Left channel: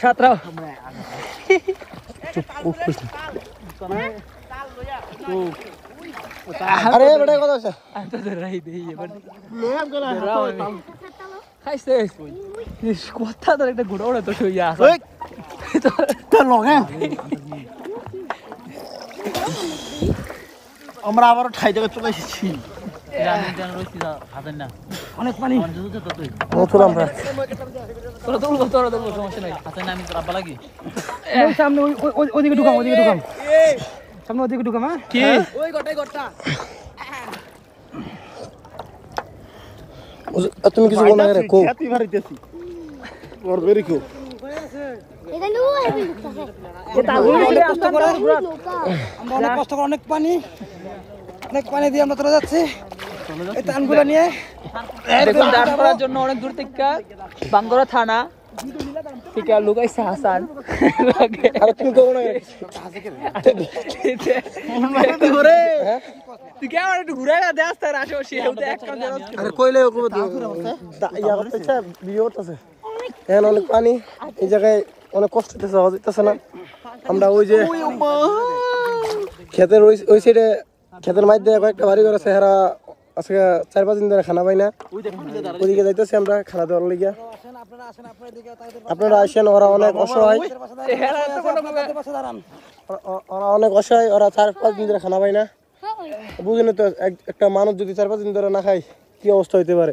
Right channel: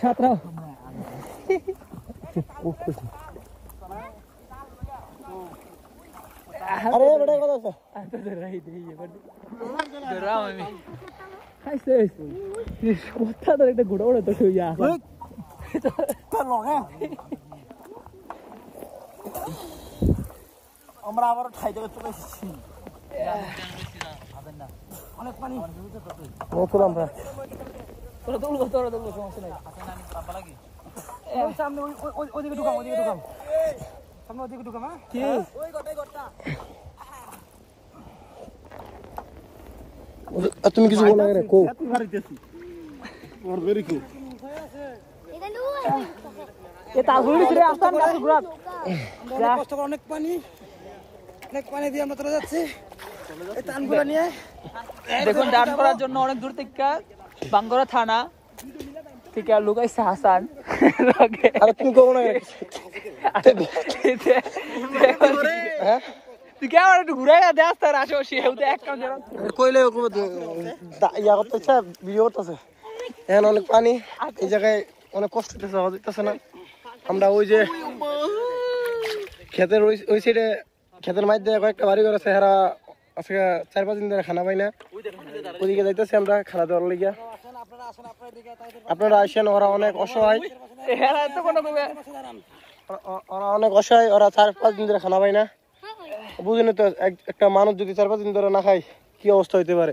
সাতরাও আরে বেটা কত আছে খাইছে কথা ধরে একটা ঘোড়া ওড়ে তো শুইয়া আছে তোর লগে আমরা আবার ঠাই জায়গা চলে এসেছি অনেক পানি সামনে ওদিকে ঢুকাম সামনে ওদিকে ঢুকাম হ্যাঁ কি ওই গোটাই গোটা তুমি কিছু বল না রে কো তুই মারিতেছি ওর ভেরি কো এটা লো অনেক কষ্ট করে আমরা অনেক কষ্ট করে অনেক পানি দিয়ে আমরা চলে যাচ্ছি এই টানগুলো নিয়ে দেখুন টান করার জন্য অনেক দূর থেকে বাঙ্গরা থানা থেকে লুকাইছে হাসান আর তুমি কো না ঘুরে তুই কে আমার একটু ঘুরে দে আসতে আশেপাশে কইলে ইয়া করতেছে ভিডিও করতেছে এখন অনেক পানি এই জায়গায় অনেক কষ্ট হইতেছে না আমরা ওই যে ক্ষেতের ওই সাইডে ক্ষেতের মধ্যে কয়েকটা বাড়ি ঘর আছে এরা আজকে 4-5 দিন ধরে খানা পাই না ওইদিকে যাইতেছি আমরা খানা দেওয়ার লিগা আপনারা আসেন ওরা অনেক অসহায় ওরা 4-5 দিন ধরে খানা পাই না বুঝেন তো একটা মানুষ যদি 4-5 দিন ধরে না খায় কি অবস্থা হইতে পারে